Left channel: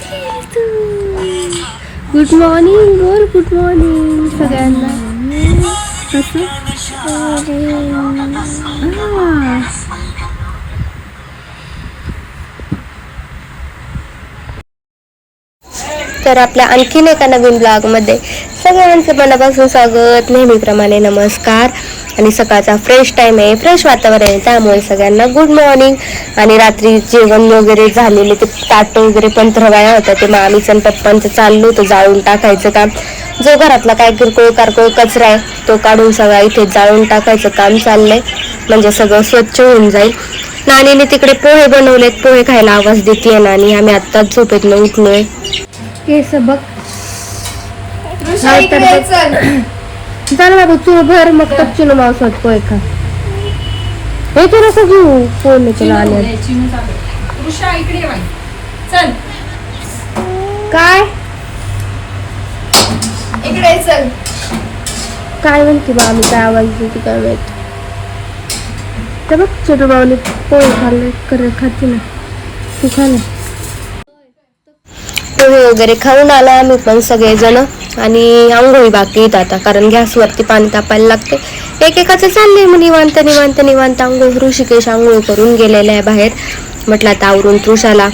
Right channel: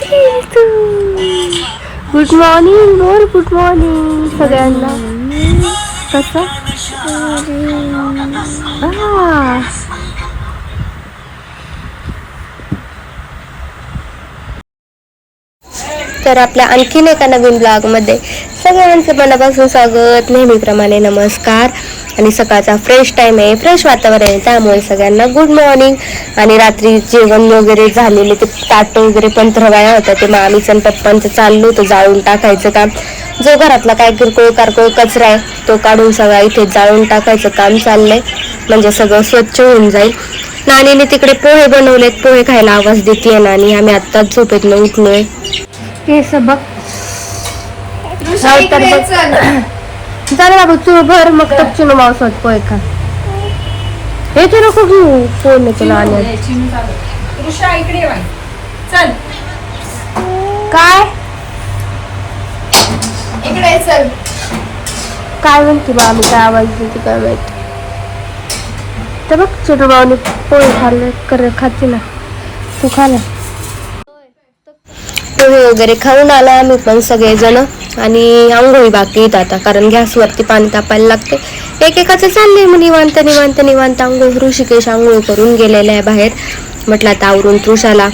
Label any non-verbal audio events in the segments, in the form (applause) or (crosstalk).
तू. Good morning बोल good morning सगळ्यांना. कसं? तर आपल्या आणखीन एका नवीन ब्लॉगमध्ये सगळ्यांचं मनापासून स्वागत. नेहमीप्रमाणे नमस्कार. आणि सकाळचा फ्रेश टाईम आहे फ्रेश वातावरण आहे. त्यामुळे सगळ्यांना गुड मॉर्निंग आणि रात्री जेवण वगैरे झालेले ते ताट वगैरे पण थरवाया होता. ते मामीचं आणि पप्पांचं चाललं होतं जाळून टाकायचं काम. जो घरातला काय किरकोळ कारकोळ कचरा आहे तो काढून सगळा इथे जाळून टाकायचं काम चाललंय. म्हणजे सगळं स्वच्छ होऊन जाईल. नानीने तिकडे पोहे बनवलेत. पोहे खायला आवाज देते नानी. आम्ही आत्ताच झोपेतनं उठलोय. हे बघ. चांगला बघ तू भर मग तपचून मावसात पोहे खा. हे तू नको घेऊ नाणी ऋषा इकडे. चल. काय? इकडे चल. काय म्हणते बा आम्ही काय आवाज काय माहिती? तर बघ छोटू भाऊने पोहे खाल्ले कर खाते ना. तू खा ना. पोहे वगैरे खाऊन आला आम्ही पण सगळेजण. आणि आंघोळी बाकी आहेत आता कारण गॅसवरती पाणी तापायला लागते. एकेकाचं चाललंय मग निवांत निवांत निवांत आंघोळ ऋषिकेश आंघोळ करून गेलेला आहे बाहेर. म्हटलं आता आवरून तृषाला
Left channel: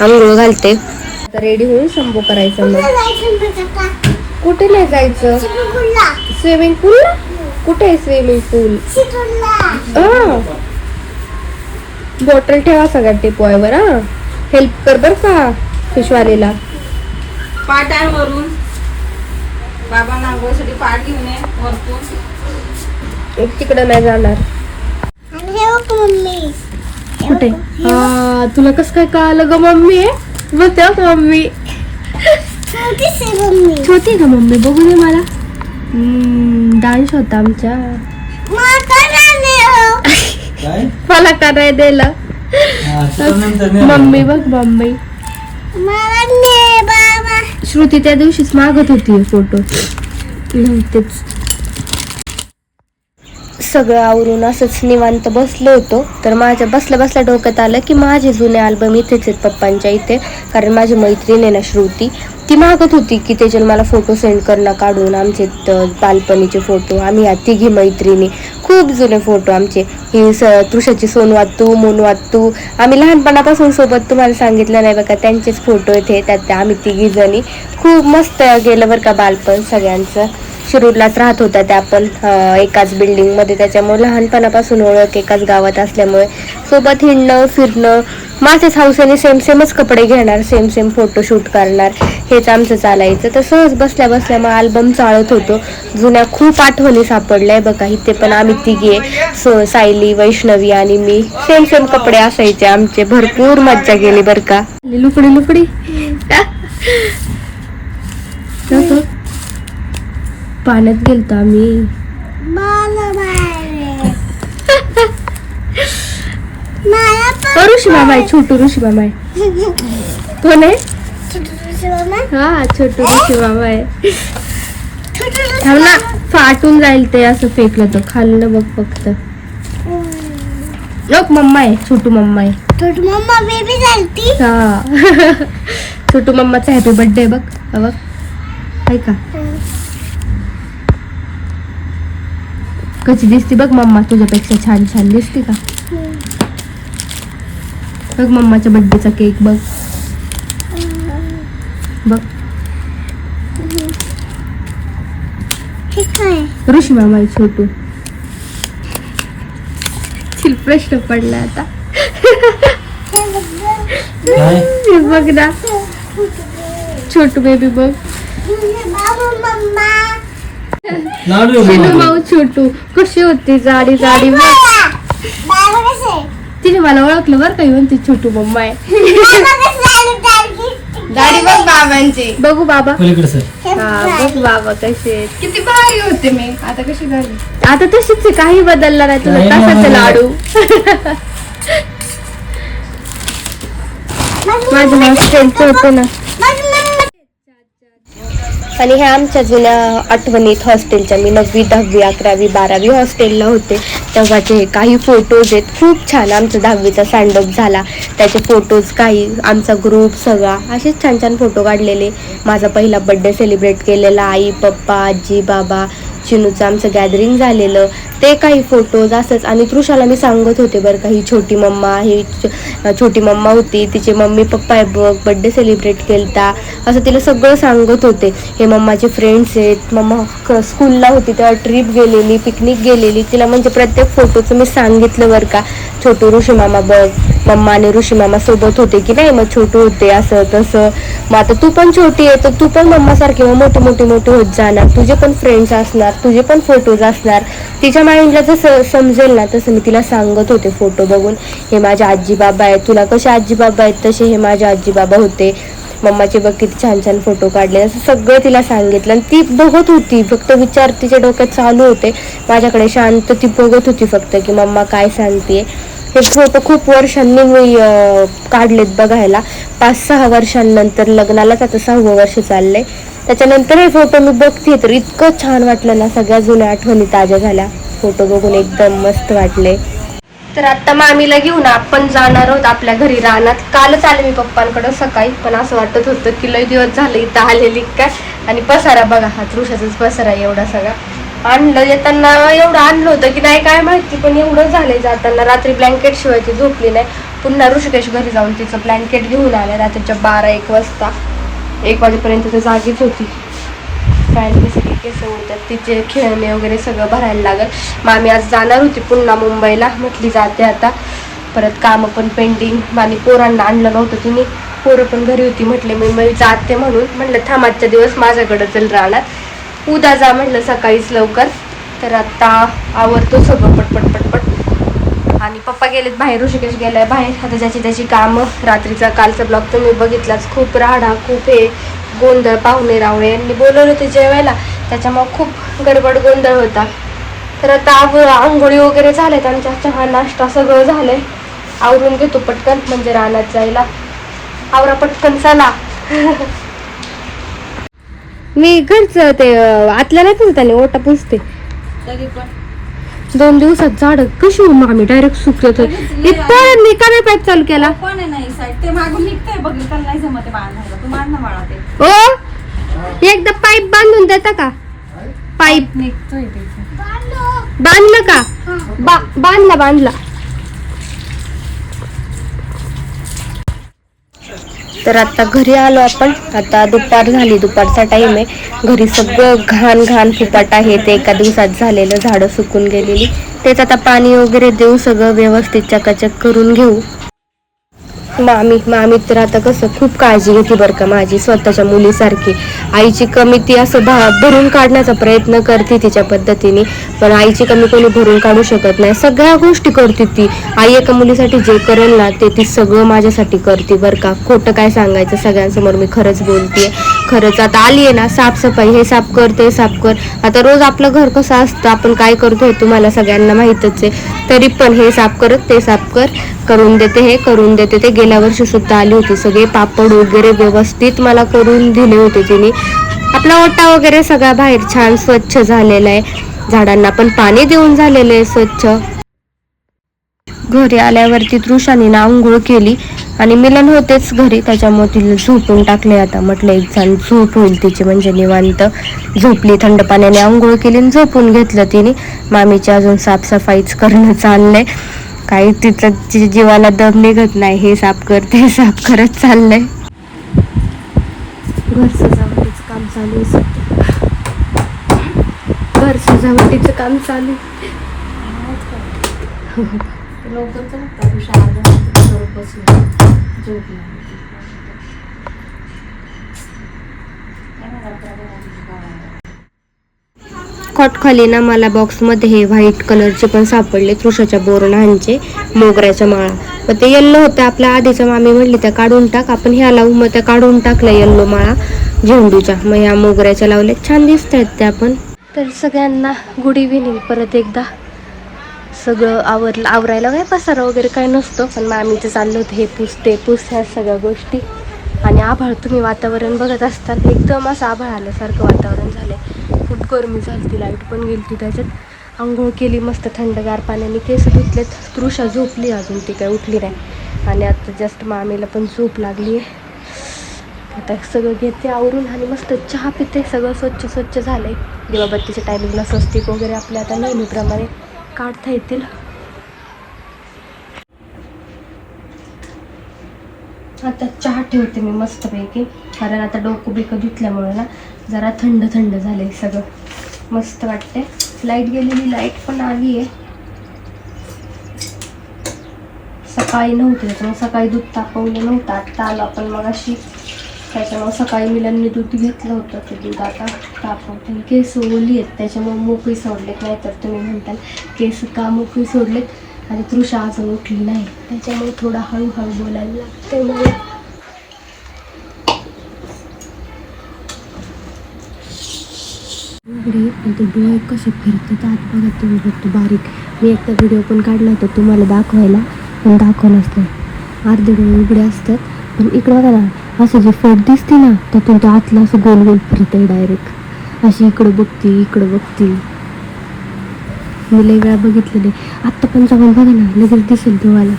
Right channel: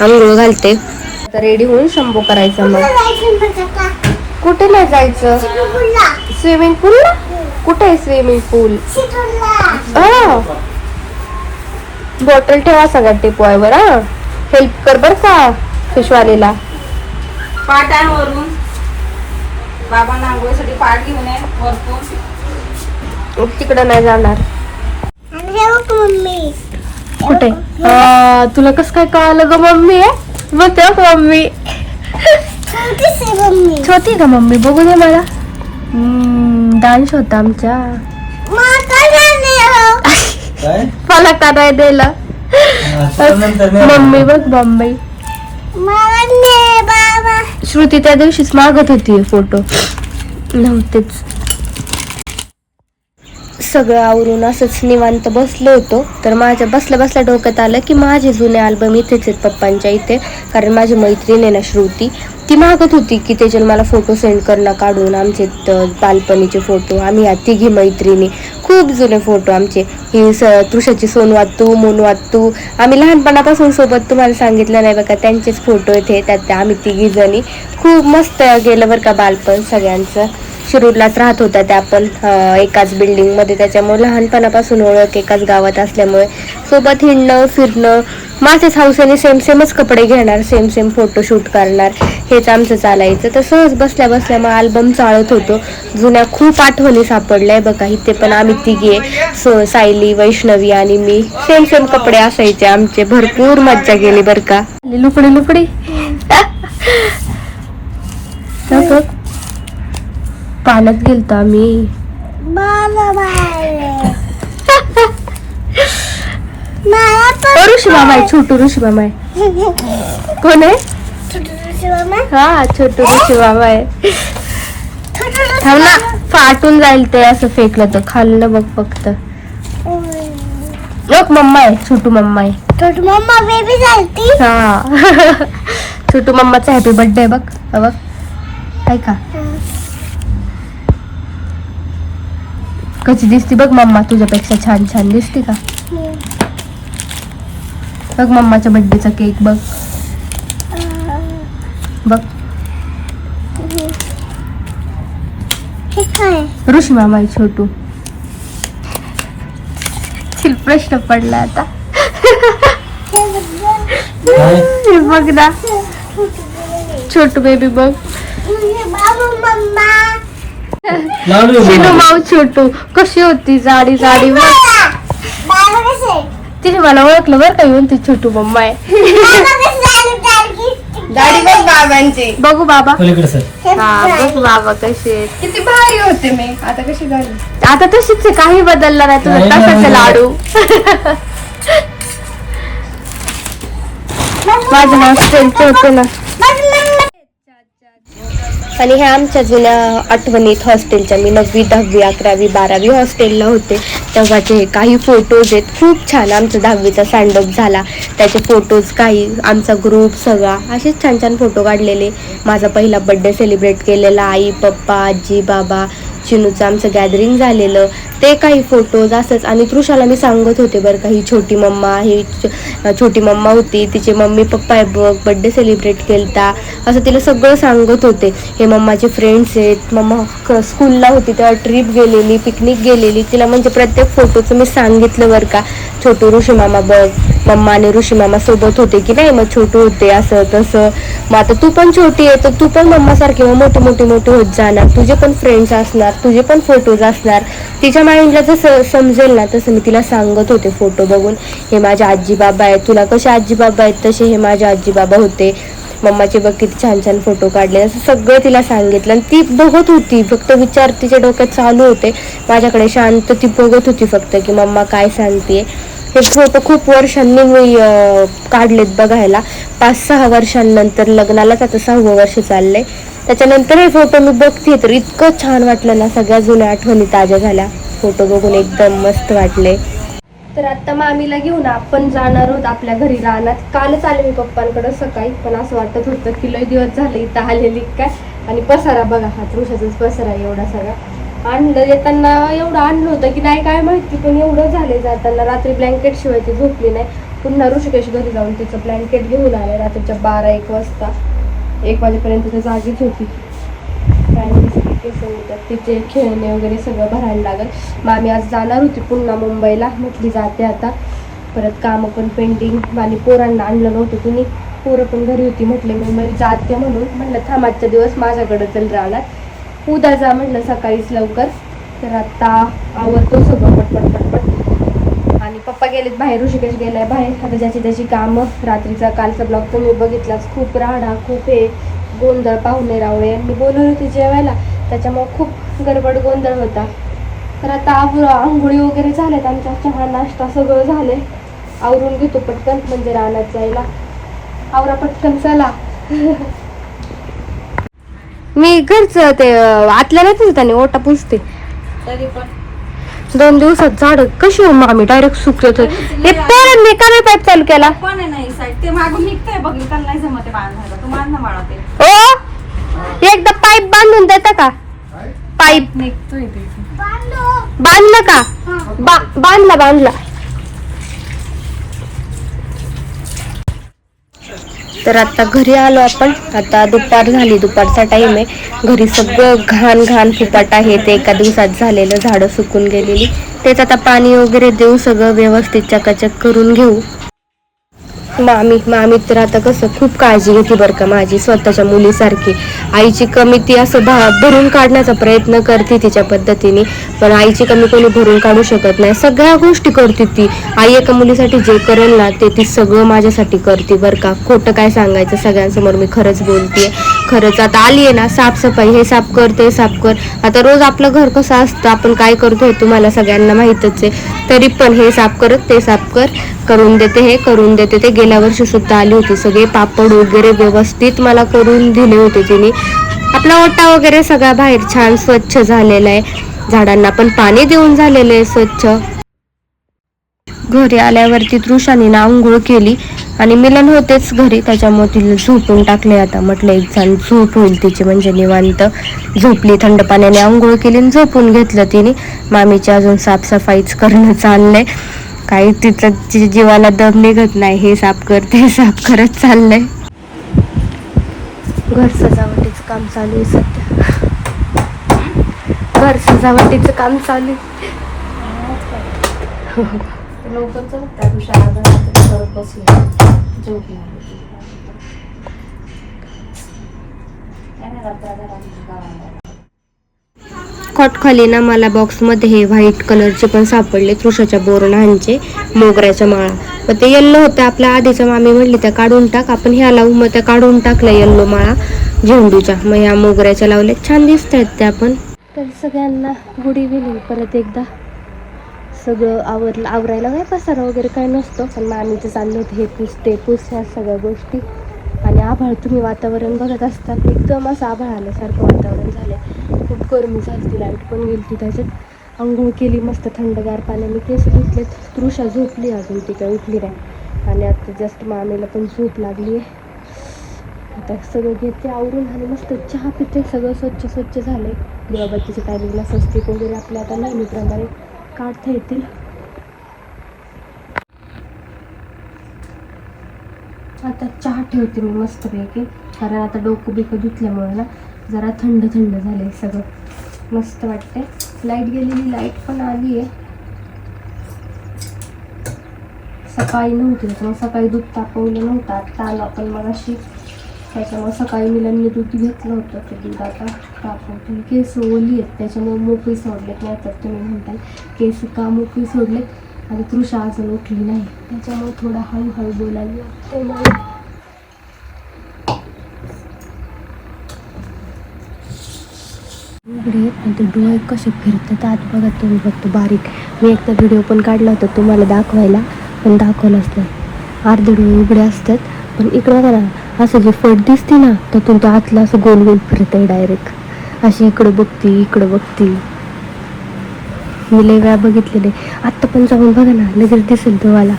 आंघोळ घालते. आता रेडी होऊन शंभू करायचं मग. कुठे नाही जायचं? स्विमिंग पूल कुठे आहे स्विमिंग पूल बॉटल ठेवा सगळ्यात टिपवायवर हा. हेल्प कर बर का. फिशवालेला पाठ आहे वरून. घेऊन वरतून. तिकडं नाही जाणार. मम्मी. कुठे? तुला कस काय कळालं ग मम्मी? आहे बघ त्या मम्मी. छोटी का मम्मी? बघू दे मला. डान्स होता आमच्या. हो काय मला का नाही दिलं नंतर नाही मम्मी बघ मम्मी. श्रुती त्या दिवशीच मागत होती फोटो. नव्हतेच सगळं आवरून असंच निवांत बसलो होतो. तर माझ्या बसल्या बसल्या डोक्यात आलं की माझे जुने अल्बम इथेच आहेत पप्पांच्या इथे. कारण माझी मैत्रीण आहे ना श्रुती. ती मागत होती की त्याच्यावर मला फोटो सेंड करणं काढून आमचे बालपणीचे फोटो आम्ही या तिघी मैत्रिणी. खूप जुने फोटो आमचे. ही स तुषाची सोनवातू मोनवातू आम्ही लहानपणापासून सोबत तुम्हाला सांगितलं नाही बघा त्यांचेच फोटो येते त्यात आम्ही तिघी जणी खूप मस्त गेलं बरं का बालपण सगळ्यांचं. शिरूरलाच राहत होत्या त्या पण एकाच बिल्डिंगमध्ये त्याच्यामुळे लहानपणापासून ओळख एकाच गावात असल्यामुळे सोबत हिंडणं फिरणं माझ्याच हौसेने सेम सेमच कपडे घेणार सेम सेम फोटोशूट करणार. हेच आमचं चालायचं. तर सहज बसल्या बसल्या मग अल्बम चाळत होतो. जुन्या खूप आठवणी सापडल्या. बघा इथे पण आम्ही तिघे सो सायली वैष्णवी आणि मी सेम सेम कपडे असायचे. आमचे भरपूर मज्जा गेली बरं का. लुकडी लुकडी. पाण्यात गेलतो आम्ही ऋषी मामा आहे छोटू ऋषी मामा आहे कोण आहे? हा छोटू ऋषी मामा आहे थांब ना फाटून जाईल ते असं फेकलं तर. खाल्लं बघ फक्त. लोक मम्मा आहे छोटू मम्मा आहे छोटी मम्मा बेबी झालती. हा. (laughs) छोटू मम्माचा हॅपी बर्थडे बघ. बघ. आहे कशी दिसते बघ मम्मा तुझ्यापेक्षा छान छान दिसते का बघ मम्माच्या बर्थडेचा केक बघ बघ ऋषी मामा छोटू प्रश्न पडला आता बघ ना छोटू बेबी बघ शिनू. माऊ छोटू कशी होती जाडी जाडी तिने मला ओळखलं बरं का म्हणते छोटू मम्मा आहे. दाढी बघ बाबांची. बघू बाबा. पलीकडे सर. हा, बघू बाबा कसे. किती भारी होते मी. आता कशी झाली? आता तशीच आहे काही बदललं नाही. तुला तसंच. लाडू? (laughs) माझ्या फ्रेंडचं होतं ना. आणि ह्या आमच्या जुन्या आठवणीत हॉस्टेलच्या मी नववी दहावी अकरावी बारावी हॉस्टेलला होते. तेव्हाचे हे काही फोटोज आहेत खूप छान आमचा दहावीचा सँडअप झाला. त्याचे फोटोज काही आमचा ग्रुप सगळा असेच छान छान फोटो काढलेले. माझा पहिला बड्डे सेलिब्रेट केलेला आई पप्पा आजी बाबा चिनूचं आमचं गॅदरिंग झालेलं. ते काही फोटोज असंच. आणि तृषाला मी सांगत होते बरं का ही छोटी मम्मा ही छोटी मम्मा होती तिचे मम्मी पप्पा आहे बघ बड्डे सेलिब्रेट केलता. असं तिला सगळं सांगत होते. हे मम्माचे फ्रेंड्स आहेत. मम्मा क- स्कूलला होती तेव्हा ट्रिप गेलेली पिकनिक गेलेली. तिला म्हणजे प्रत्येक फोटोचं मी सांगितलं बरं का. छोटू ऋषी मामा बघ मम्मा आणि ऋषी मामा सोबत होते की नाही? मग छोटू होते असं तसं. मग आता तू पण छोटी आहे तर तू पण मम्मासारखी मग मोठी मोठी मोठी होत जाणार. तुझे पण फ्रेंड्स असणार. तुझे पण फोटोज असणार. तिच्या माइंडला जसं समजेल ना तसं मी तिला सांगत होते फोटो बघून. हे माझ्या आजी बाबा आहेत. तुला कसे आजी बाबा आहेत तसे हे माझे आजी बाबा होते. मम्माचे बघ किती छान छान फोटो काढले. असं सगळं तिला सांगितलं. आणि ती बघत होती. फक्त विचार तिच्या डोक्यात चालू होते. माझ्याकडे शांत ती बघत होती फक्त की मम्मा काय सांगते हे फोटो खूप वर्षांनी मी काढलेत बघायला. पाच सहा वर्षांनंतर लग्नालाच आता सहावं वर्ष चाललंय. त्याच्यानंतर हे फोटो मी बघते तर इतकं छान वाटलं ना सगळ्या जुन्या आठवणी ताज्या झाल्या. फोटो बघून एकदम मस्त वाटले. तर आता मामीला घेऊन आपण जाणार आहोत आपल्या घरी. राहणार कालच आले मी पप्पांकडे सकाळी पण असं वाटत होतं की लय दिवस झाले इथं आलेली काय. आणि पसारा बघा हा तृषाचाच पसारा एवढा सगळा. आणलं येताना एवढं आणलं होतं की नाही काय माहिती पण एवढं झालंय जाताना. रात्री ब्लँकेट शिवायची झोपली नाही. पुन्हा ऋषिकेश घरी जाऊन तिचं ब्लँकेट घेऊन आलं रात्रीच्या बारा एक वाजता. एक वाजेपर्यंत ते जागीच होती. फॅनसाठी केसं उडतात तिचे खेळणे वगैरे सगळं भरायला लागत मामी आज जाणार होती पुन्हा मुंबईला म्हटली जाते आता. परत कामं पण पेंडिंग आणि पोरांना आणलं नव्हतं तिने पोरं पण घरी होती म्हटले मी मी जाते म्हणून. म्हटलं थांबाजचा दिवस माझ्याकडं चल राहणार. उद्या जा म्हटलं सकाळीच लवकर. तर आता आवडतो सगळं पटपट पटपट. आणि पप्पा गेलेत बाहेर ऋषिकेश गेलाय बाहेर. आता ज्याची त्याची कामं रात्रीचा कालचा ब्लॉग तुम्ही बघितलाच. खूप राडा खूप हे गोंधळ पाहुणे रावळे. यांनी बोलवलं होते जेवायला. त्याच्यामुळे खूप गडबड गोंधळ होता. तर आता आंघोळी वगैरे झाल्यात. आमच्या चहा नाश्ता सगळं झालंय. आवरून घेतो पटकन म्हणजे रानात जायला. आवरा पटकन चला. मी घरचं ते आतल्या नाही त्यांनी ओटा पुसते. तरी पण. दोन दिवसात झाड कशी हो आम्ही डायरेक्ट सुकत हे पोरांनी का नाही पाईप चालू केला. पण आहे नाही साईड ते मागून निघतंय बघ त्याला नाही जमत बाळा तू मान ना बाळा ते. ओ एकदा पाईप बांधून देता का? पाईप निघतोय ते. बांधलं. का? बा बांधला बांधला. तर आता घरी आलो आपण. आता दुपार झाली. दुपारचा टाइम आहे. घरी सगळं घाण घाण फुपाट आहे. ते एका दिवसात झालेलं झाडं सुकून गेलेली. तेच आता पाणी वगैरे देऊ सगळं व्यवस्थित चकाचक करून घेऊ. मामी मामी तर आता कसं खूप काळजी घेते बरं का माझी स्वतःच्या मुलीसारखी. आईची कमी ती असं भा भरून काढण्याचा प्रयत्न करते तिच्या पद्धतीने पण आईची कमी कोणी भरून काढू शकत नाही. सगळ्या गोष्टी करते ती. आई एका मुलीसाठी जे करेल ना ते ती सगळं माझ्यासाठी करते बरं का. खोटं काय सांगायचं सगळ्यांसमोर मी खरंच बोलते खरंच आता आली आहे ना साफसफाई हे साफ कर ते साफ कर. आता रोज आपलं घर कसं असतं आपण काय करतो हे तुम्हाला सगळ्यांना माहीतच आहे. तरी पण हे साफ करत ते साफ कर. करून देते हे करून देते ते गेल्या वर्षी सुद्धा आली होती. सगळे पापड वगैरे व्यवस्थित मला करून दिले होते तिने. आपला ओटा वगैरे सगळा बाहेर छान स्वच्छ झालेला आहे. झाडांना पण पाणी देऊन झालेलं आहे स्वच्छ. घरी आल्यावरती तृषाने ना आंघोळ केली आणि मिलन होतेच घरी. त्याच्यामुळे तिला झोपून टाकले आता. म्हटलं एक जण झोप होईल तिची म्हणजे निवांत. झोपली थंड पाण्याने आंघोळ केली आणि झोपून घेतलं तिने. मामीची अजून साफसफाईच करणं चाललंय. काही तिथं तिच्या जीवाला दम निघत नाही हे साफ कर ते साफ करत चाललंय. घर सजावटीचं काम चालू आहे सध्या. घर सजावटीचं काम चालू आहे. खाली ना मला बॉक्समध्ये हे व्हाईट कलरचे पण सापडले तृषाच्या बोरणांचे मोगऱ्याच्या माळा. मग ते येल्लो होत्या आपल्या आधीच्या मामी म्हणली त्या काढून टाक आपण ह्या लावू. मग त्या काढून टाकल्या येल्लो माळा झेंडूच्या. मग ह्या मोगऱ्याच्या लावल्या छान दिसत आहेत त्या पण. तर सगळ्यांना गुड इव्हिनिंग परत एकदा. सगळं आवरलं आवरायला काय पसारा वगैरे काय नसतो पण मामीचं चाललं होतं हे पुसते पुस ह्या सगळ्या गोष्टी. आणि आभाळ तुम्ही वातावरण बघत असतात. एकदम असं आभाळ आल्यासारखं वातावरण झालं खूप गरमी झाली ती लाइट पण गेली ती त्याच्यात. आंघोळ केली मस्त थंडगार पाण्याने केस धुतलेत. तृषा झोपली अजून ती काय उठली नाही. आणि आता जस्ट मामीला पण झोप लागली आहे. आता सगळं घेते आवरून आणि मस्त चहा पिते सगळं स्वच्छ स्वच्छ झालं आहे दिवाबत्तीच्या टायमिंगला स्वस्तिक वगैरे आपल्या आता नेहमीप्रमाणे काढता येतील. आता चहा ठेवते मी मस्तपैकी. कारण आता डोकं बिकं धुतल्यामुळे ना जरा थंड थंड झालंय सगळं. मस्त वाटते लाइट गेलेली लाइट पण आली आहे. सकाळी नव्हती त्याच्यामुळे सकाळी दूध तापवलं नव्हतं. आत्ता आलं आपण मग अशी त्याच्यामुळे सकाळी मिलांनी दूध घेतलं होतं ते दूध आता तापवते. केस ओली आहेत त्याच्यामुळे मोकळी सोडलेत नाही तर तुम्ही म्हणताल केस का मोकळी सोडलेत? आणि तृषा अजून उठली नाही. त्याच्यामुळे थोडं हळूहळू बोलायला लागते मला. उघडी आणि ते डोळे कसे फिरतात आत बघा तुम्ही फक्त बारीक. मी एकदा व्हिडिओ पण काढला होता तुम्हाला दाखवायला पण दाखवलंच असतं अर्धे डोळे उघडे असतात पण इकडं बघा ना असं जे फट दिसते ना त्यातून तो आतला असं गोल गोल फिरतंय डायरेक्ट अशी इकडं बघती इकडं बघती. मी लय वेळा बघितलेले. आत्ता पण जाऊन बघा ना लगेच दिसेल तुम्हाला.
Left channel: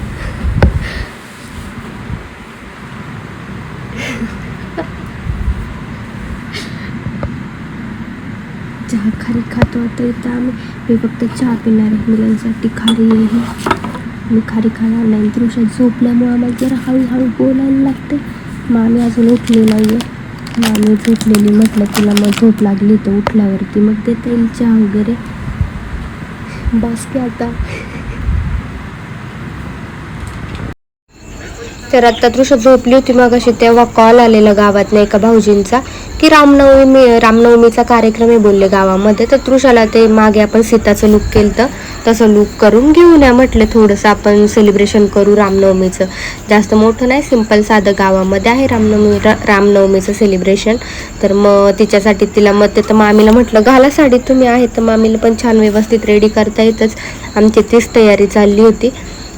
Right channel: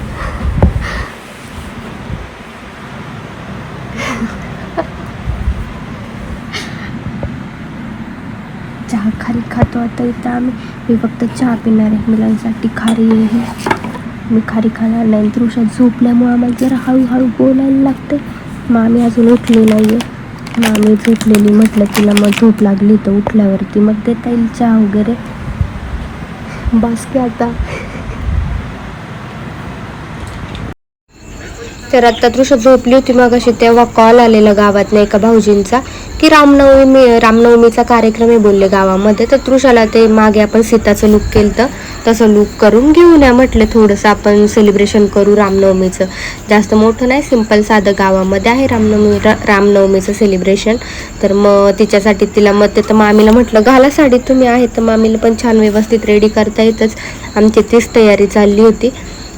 चहा खारी खातो आता इथं आम्ही. मी फक्त चहा पिणार आहे मुलांसाठी. खारी आहे मी खारी खाणार नाही. तृषा झोपल्यामुळे आम्हाला जरा हळूहळू बोलायला लागते मामी अजून उठले नाही आहे मामी झोपलेली म्हटलं तिला मग झोप लागली तर उठल्यावरती. मग देता येईल चहा वगैरे. बस की आता. तर आता तृषा झोपली होती मग अशी तेव्हा कॉल आलेला गावातनं एका भाऊजींचा की रामनवमी रामनवमीचा कार्यक्रम आहे बोलले गावामध्ये. तर तृषाला ते मागे आपण सीताचं लुक केलं तर तसं लुक करून घेऊन या म्हटलं थोडंसं आपण सेलिब्रेशन करू रामनवमीचं. जास्त मोठं नाही सिंपल साधं गावामध्ये आहे रामनवमी रा रामनवमीचं सेलिब्रेशन तर मग तिच्यासाठी तिला मग ते तर मामीला म्हटलं घाला साडी तुम्ही आहे तर मामीला पण छान व्यवस्थित रेडी करता येतच. आमची तीच तयारी चालली होती.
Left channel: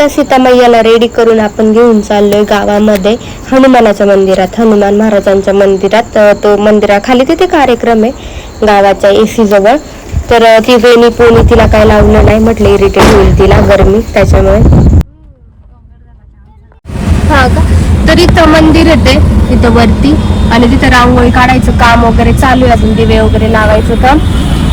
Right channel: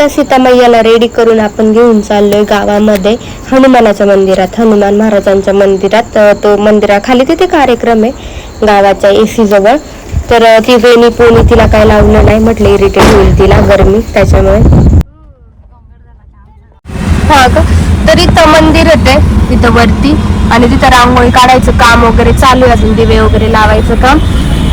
आता सीतामय्याला रेडी करून आपण घेऊन चाललोय गावामध्ये हनुमानाच्या मंदिरात. हनुमान महाराजांच्या मंदिरात तो मंदिराखाली तिथे कार्यक्रम आहे गावाच्या एसी जवळ. तर ती वेणी पोणी तिला काय लावलं नाही म्हटलं इरिटेट होईल तिला गरमी त्याच्यामुळे. हा का? तर इथं मंदिर आहे. तिथं वरती आणि तिथं रांगोळी काढायचं काम वगैरे चालू आहे. दिवे वगैरे लावायचं काम.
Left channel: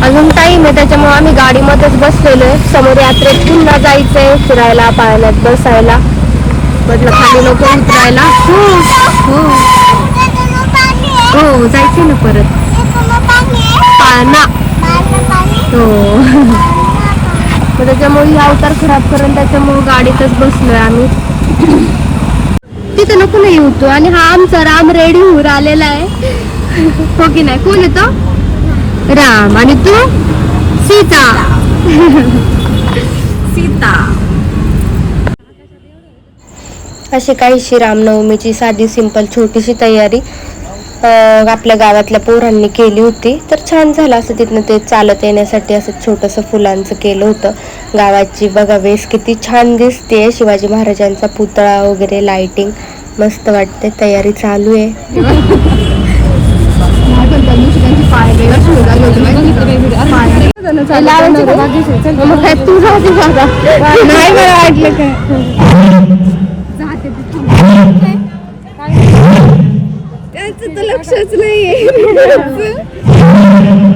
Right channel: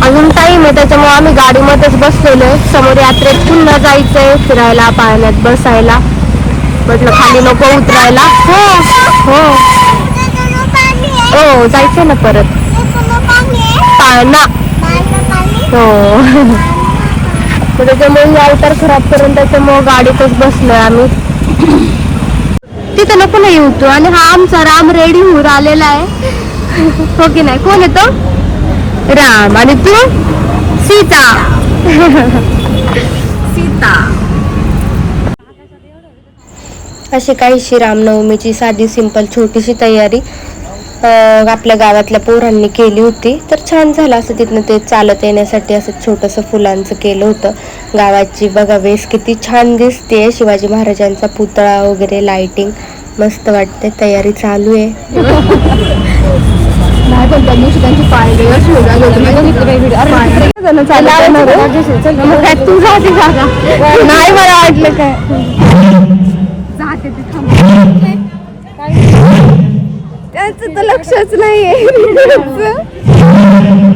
अजून टाईम आहे त्याच्यामुळे आम्ही गाडीमध्येच बसलेलो समोर यात्रेत पुन्हा जायचं फिरायला पाहायला बसायला. म्हटलं खाली नको उतरायला. हो हो. हो जायचं ना परत. पाळणा. हो. (laughs) त्याच्यामुळे ही अवतार खराब करून त्याच्यामुळे गाडीतच बसलोय आम्ही. तिथं नको नाही येऊ तू. आणि हा आमचा राम रेडी होऊन आलेला आहे. (laughs) हो की नाही? कोण येतो राम. आणि तू? सीता. (laughs) सीता. अशी काहीशी रामनवमीची साधी सिंपल छोटीशी तयारी आपल्या गावातल्या पोरांनी केली होती. तर छान झालं असं तिथनं ते चालत येण्यासाठी असं छोटंसं फुलांचं केलं होतं. गावाची बघा वेस किती छान दिसते शिवाजी महाराजांचा पुतळा वगैरे लाइटिंग मस्त वाटते तयारी चालू आहे. नाही मला वाटलं काय पाय गेलं सुरू झालं होतं. मी बघितलं नाही video. अरे, ते लावायचं का राजेश? चल, तू नाही मला वाटलं काय त्यांचं तर लक्षच नाहीये. (laughs)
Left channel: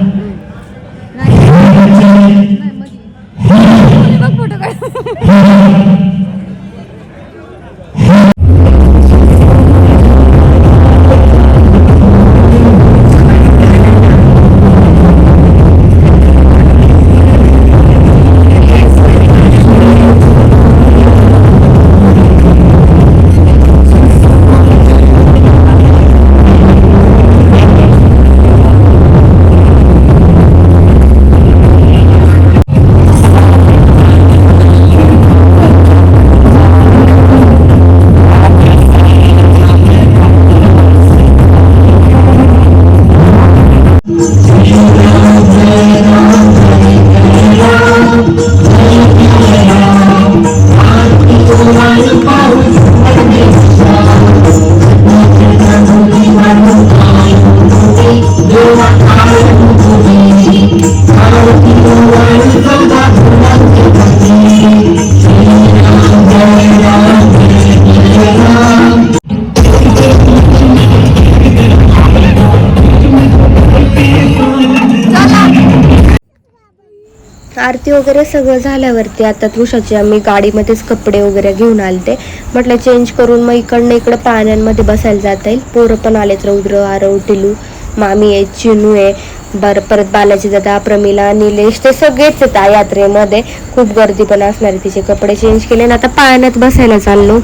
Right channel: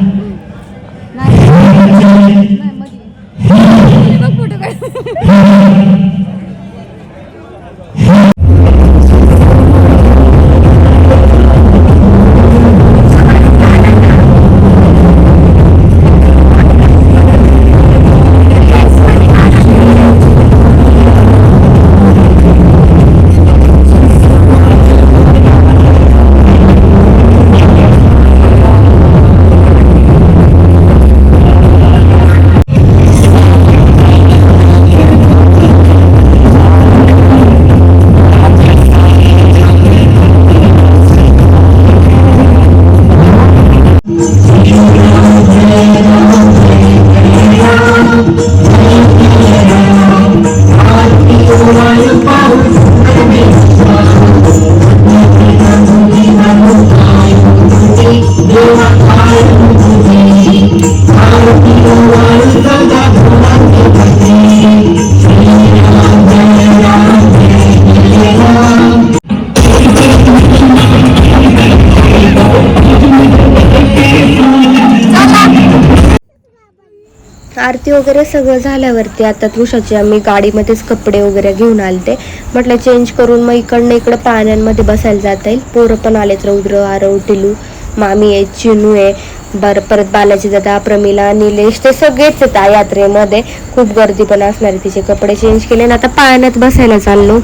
आरती वगैरे सगळं झाल्यावरती आता तुळशाची आम्ही गाडीमध्येच कपडे वगैरे घेऊन आलते. म्हटलं चेंज करून मग इकडनं इकडं पाण्यांमध्ये बसायला जाता येईल. पोरं पण आलेत रौद्र आरव टिलू मामी आहे चिनू आहे. बरं परत बालाजी दादा प्रमिला निलेश ते सगळेच आहेत यात्रेमध्ये. खूप गर्दी पण असणार आहे तिचे कपडे चेंज केले आणि आता पाण्यात बसायला चाललो.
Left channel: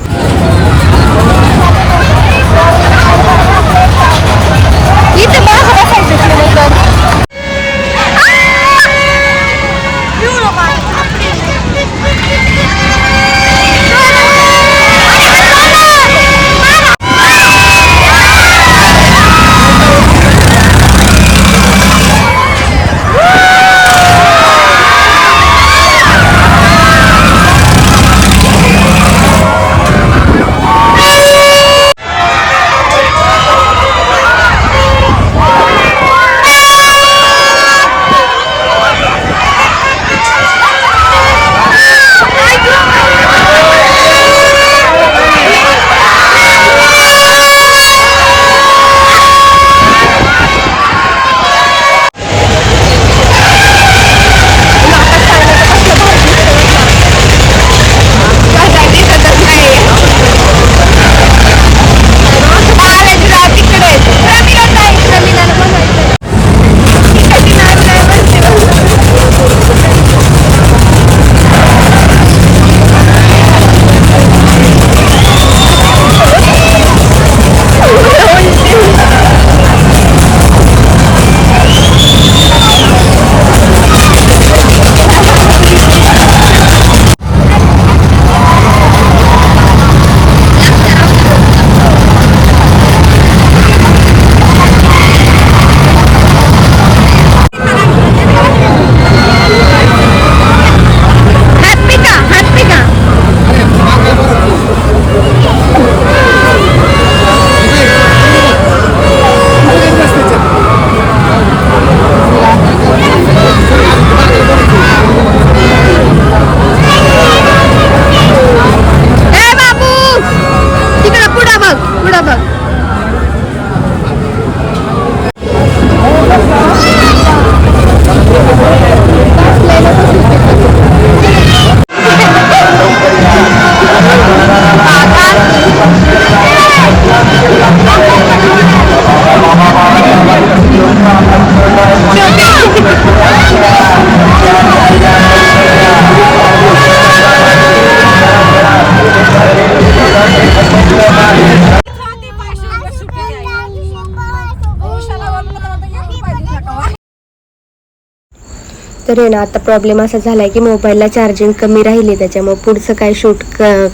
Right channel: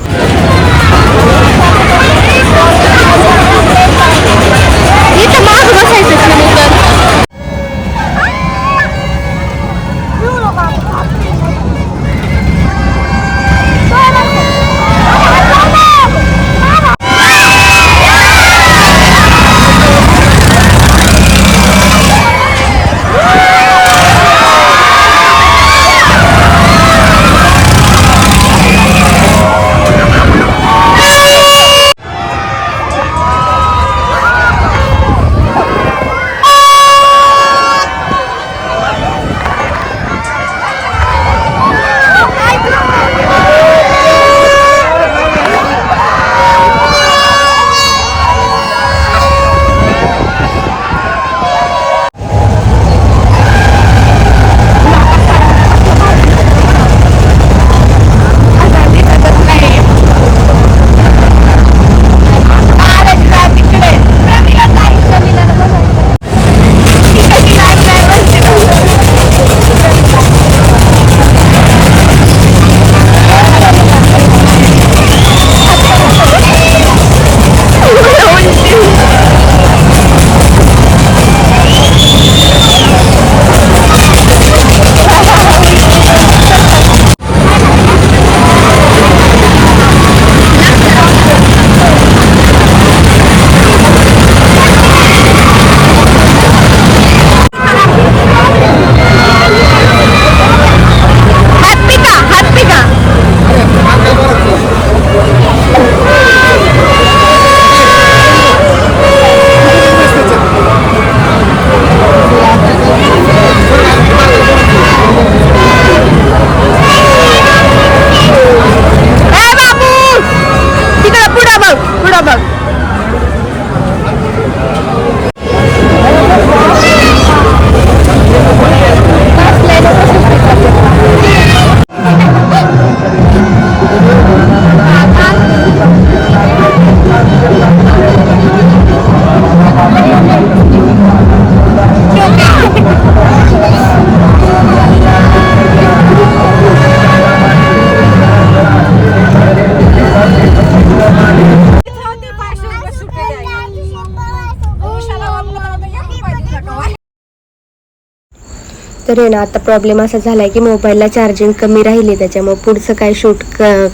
तर आहे ना आता प्रॉब्लेम असा झालाय की मोबाईलला चार्जिंग कमी राहिली त्याच्यामुळे पुढचं काय शूट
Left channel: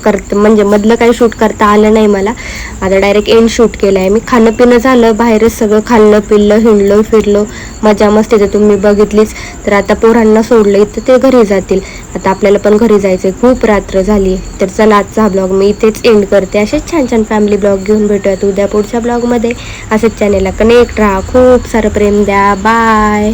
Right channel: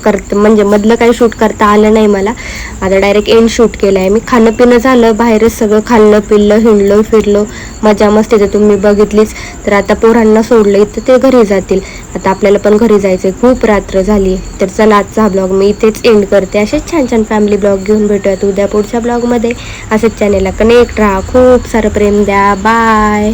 करत म्हणजे मधलं काही शूट करता आलं नाही मला. आता डायरेक्ट एंड शूट केलं आहे मी खाणं पिणं झालं बाहेरच सगळं खाल्लं पिल्लं हिंडलो फिरलो मजा मस्ती तर तुम्ही बघितलीच. तर आता पोरांना सोडलं इथं ते घरी जातील. आता आपल्याला पण घरी जायचं खूप रात्र झाली. तर चला आजचा हा ब्लॉग मी इथेच एंड करते. असेच छान छान फॅमिली ब्लॉग घेऊन भेटूयात उद्या पुढच्या ब्लॉगमध्ये असेच चॅनेलला कनेक्ट राहा. खूप सारं प्रेम द्या. बाय